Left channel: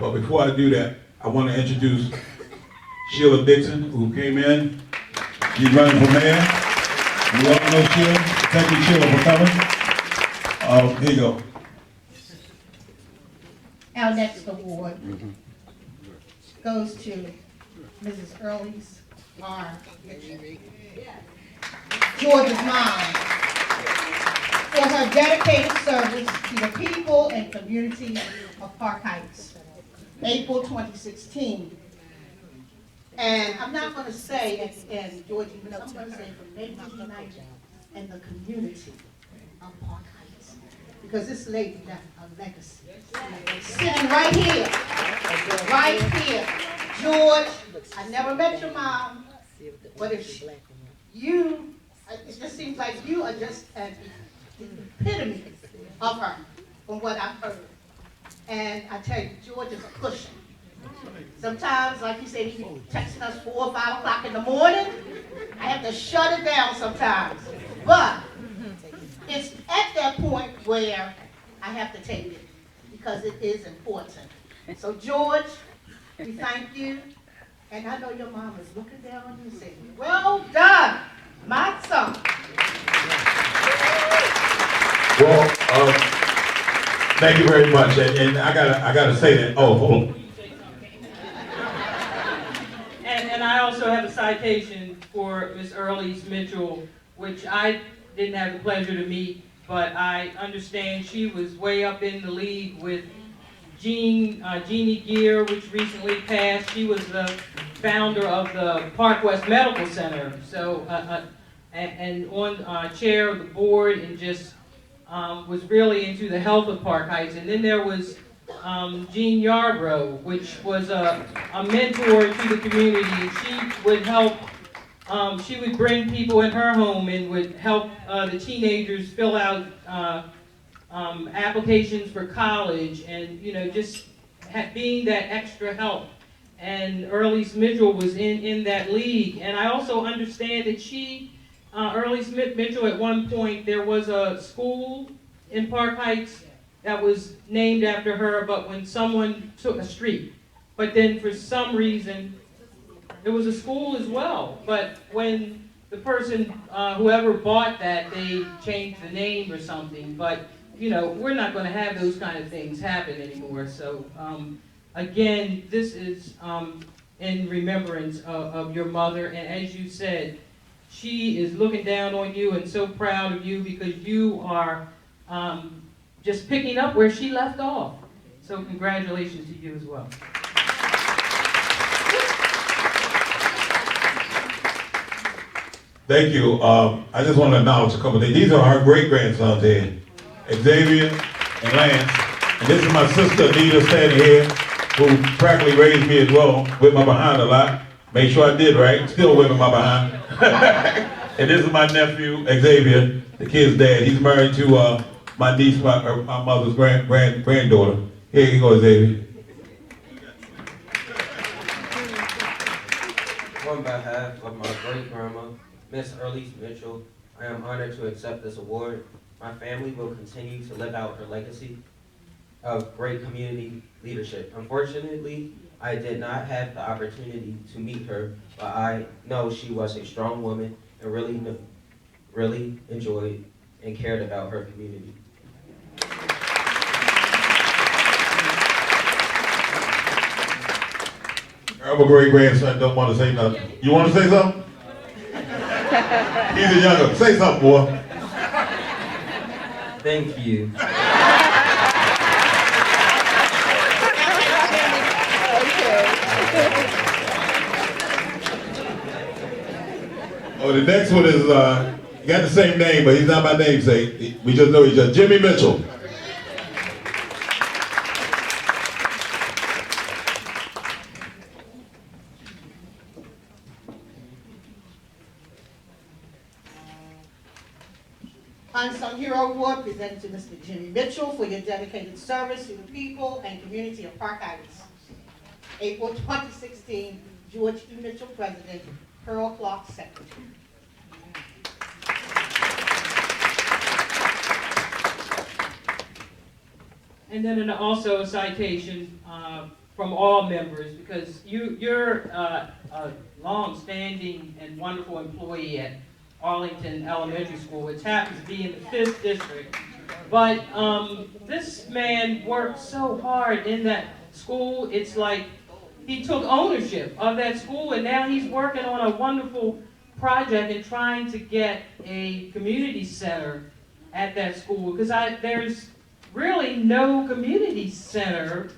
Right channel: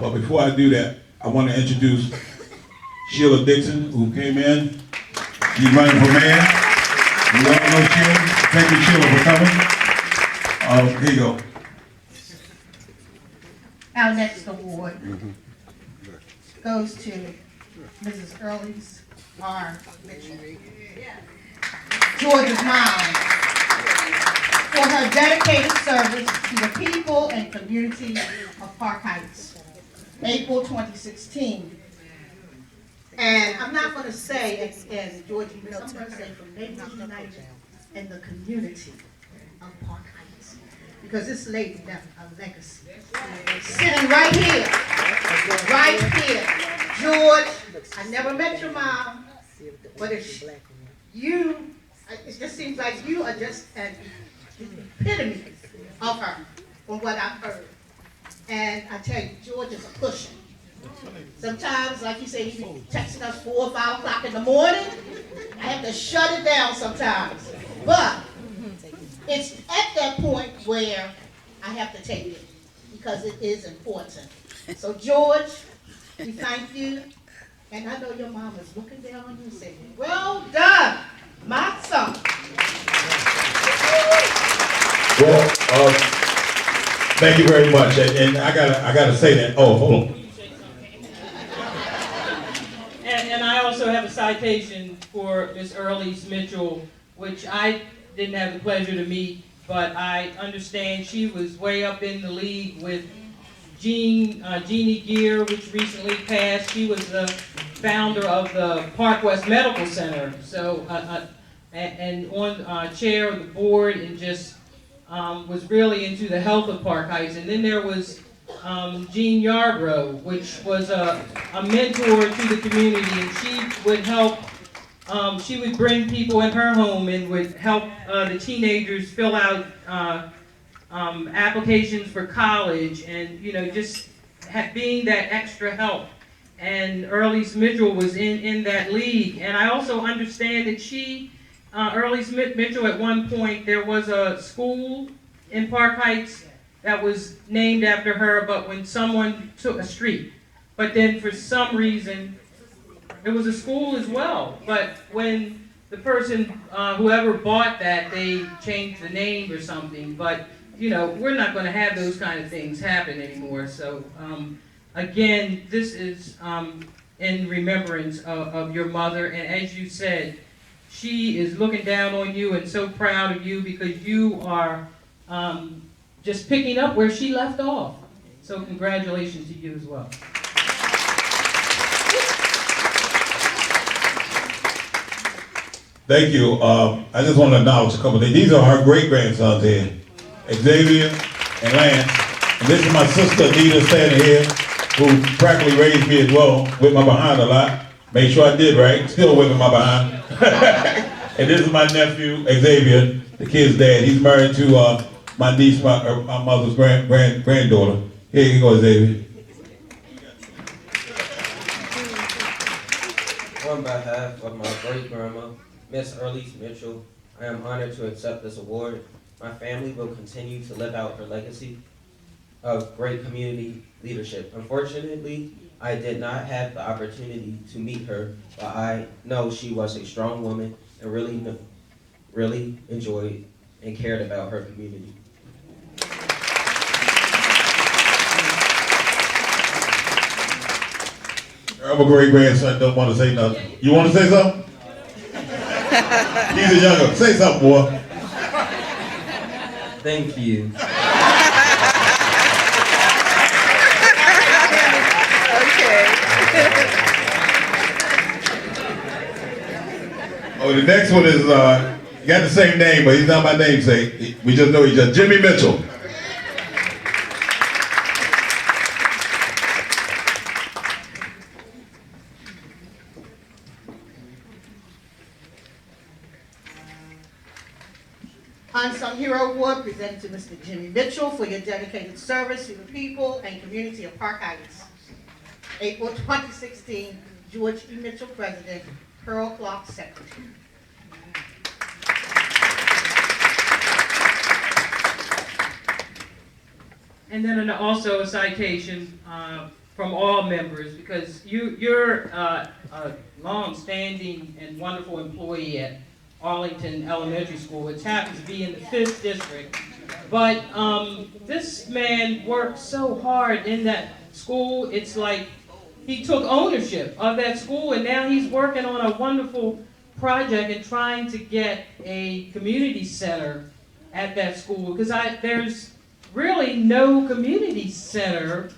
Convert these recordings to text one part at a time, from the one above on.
But before I do that, I want to introduce Sheila Dixon, who came in. She's running for mayor. We all know Sheila. Thank you, Sheila, for coming. Here you go. Our next award goes to Mrs. Earles Mitchell, George's mom, for her dedicated service to the people and community of Park Heights, April 2016. And I'm not going to say, and Georgie, I'm going to say from Neighbors United and the community of Park Heights, because this lady left a legacy. Sitting right here, George. I never met your mom, but if you, it just seems like you are just an epitome of her, from what I've heard. And I tell you, George is a cushion. Sometimes, like you said, he be texting us 4 or 5 o'clock in the morning. I have to shut it down sometimes. But it's at that point where I have to take it, because it is important. So George, we thank you. And I know your mom is looking down on you saying, well done, my son. Well, thank you very much. And I gotta say that. Oh, hold on. And I also have a citation for Ms. Earles Mitchell, which I didn't have the pleasure to meet, but I understand she was way up in the league with Jeannie Gear, which recently passed. She was the founder of the Park West Medical Center, so and on chair of the board, and just was really into the health of Park Heights. And then there was Jean Yarbrough, which was a mentor to the community, and she would help. She would bring people in her home and would help the teenagers fill out applications for college, and just being that extra help. And Earles Mitchell was in that league. And I also understand that Earles Mitchell, at one point, there was a school in Park Heights that was named after her, but when someone took a street. But then for some reason, it was a school as well. But when the person, whoever bought that, they changed the name or something. But we're not going to have those kind of things happen anymore. So again, this is in remembrance of your mother. And as you said, she is looking down on you and so proud of you, because you are just picking up where she left off. So congratulations to you as well. Thank you. I just want to announce a couple of things. These are our great-grandsons here, Xavier and Lance. And this is my sister, Anita, standing here, who practically raised me as well, with my behind a lot. Make sure I did right, still whipping my behind. And this is my nephew, Xavier, the kid's dad. He's married to my niece, my mother's granddaughter. Here you go, Xavier. On behalf of my great-grandma, Miss Earles Mitchell, I am honored to accept this award. My family will continue to live out her legacy of great community leadership. Unfortunately, I did not have the opportunity to meet her, but I know she was a strong woman and really enjoyed and cared about her community. I'm a great-grandson, don't want to say nothing. You want to say something? He's a younger. Say something, boy. Thank you. Okay. Oh, the next one is, got the same name, but he's not my namesake. We just know each other. Jimmy Mitchell. Unsung Hero Award presented to Mr. Jimmy Mitchell for your dedicated service to the people and community of Park Heights. April 2016, George E. Mitchell, President, Pearl Clark, Secretary. And then also a citation from all members, because you're a long-standing and wonderful employee at Arlington Elementary School, which happens to be in the 5th district. But this man worked so hard in that school. It's like he took ownership of that school, and now he's working on a wonderful project and trying to get a community center at that school, because there's really no community center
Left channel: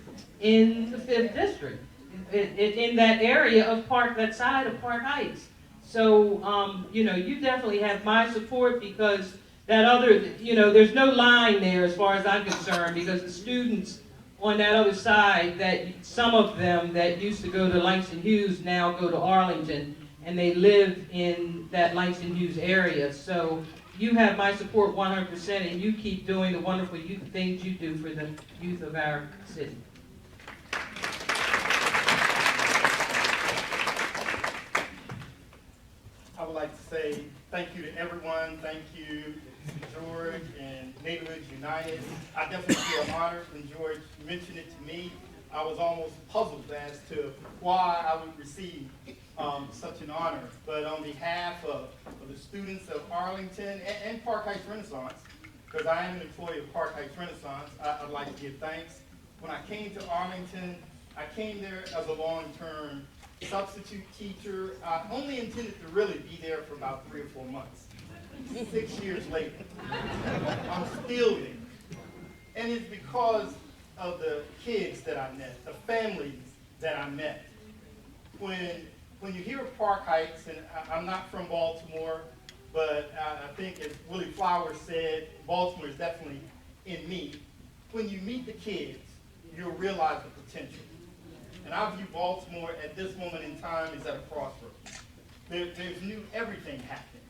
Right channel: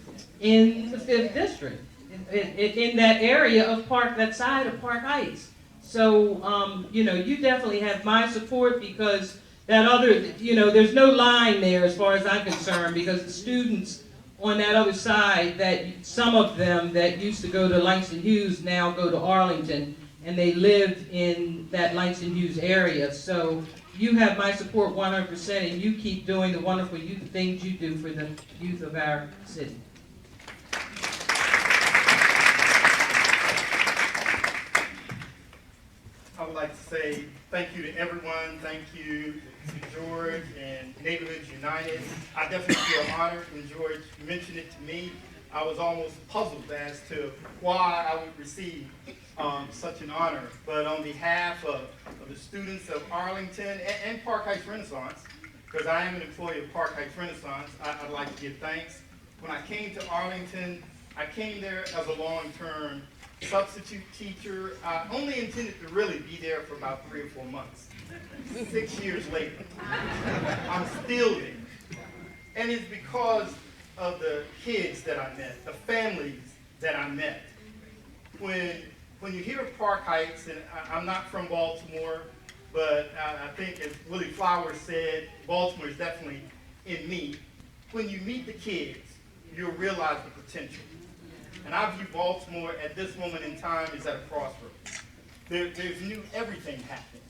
in the 5th district, in that area of that side of Park Heights. So, you know, you definitely have my support, because that other, you know, there's no line there as far as I'm concerned, because the students on that other side, that some of them that used to go to Langston Hughes now go to Arlington, and they live in that Langston Hughes area. So you have my support 100%, and you keep doing the wonderful things you do for the youth of our city. I would like to say thank you to everyone. Thank you to George and Neighborhoods United. I definitely feel honored when George mentioned it to me. I was almost puzzled as to why I would receive such an honor. But on behalf of the students of Arlington and Park Heights Renaissance, because I am an employee of Park Heights Renaissance, I'd like to give thanks. When I came to Arlington, I came there as a long-term substitute teacher. I only intended to really be there for about 3 or 4 months. 6 years later, I'm still there. And it's because of the kids that I met, the families that I met. When you hear Park Heights, and I'm not from Baltimore, but I think as Willie Flowers said, Baltimore is definitely in me. When you meet the kids, you'll realize the potential. And I view Baltimore at this moment in time is at a crossroads. There's new everything happening.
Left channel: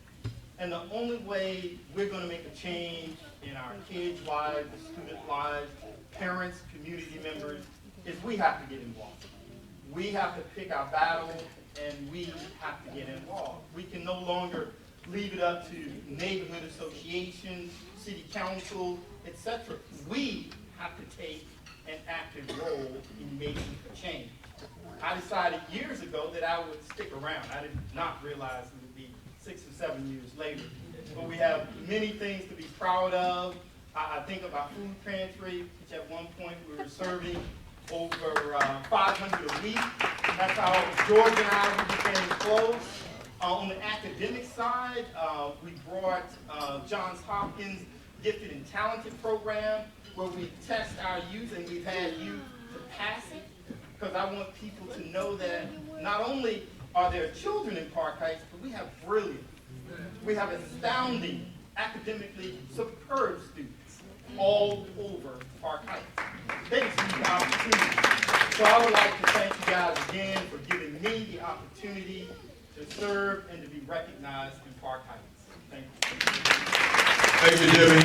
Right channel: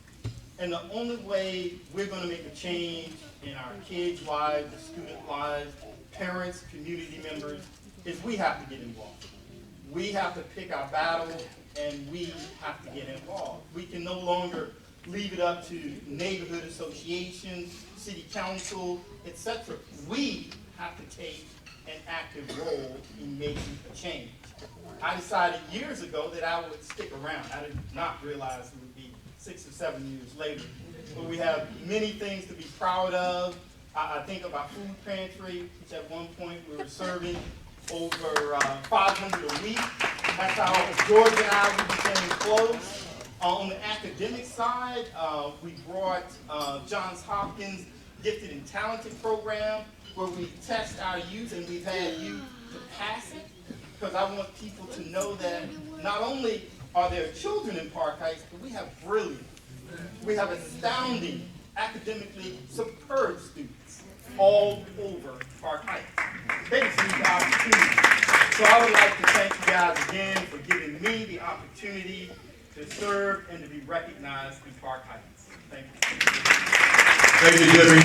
And the only way we're going to make a change in our kids' lives, the student lives, parents, community members, is we have to get involved. We have to pick our battle, and we have to get involved. We can no longer leave it up to neighborhood associations, city council, etc. We have to take an active role in making a change. I decided years ago that I would stick around. I did not realize it would be 6 or 7 years later. But we have many things to be proud of. I think of our food pantry, which at one point we were serving over 500 a week. That's how George and I became close. On the academic side, we brought Johns Hopkins Gifted and Talented program, where we test our youth, and we've had youth to pass it, because I want people to know that not only are there children in Park Heights, but we have brilliant, we have astounding, academically superb students all over Park Heights. They just need the opportunity. So I would like to thank you guys again for giving me the opportunity to serve and to be recognized in Park Heights. Thank you. Thank you, Jimmy.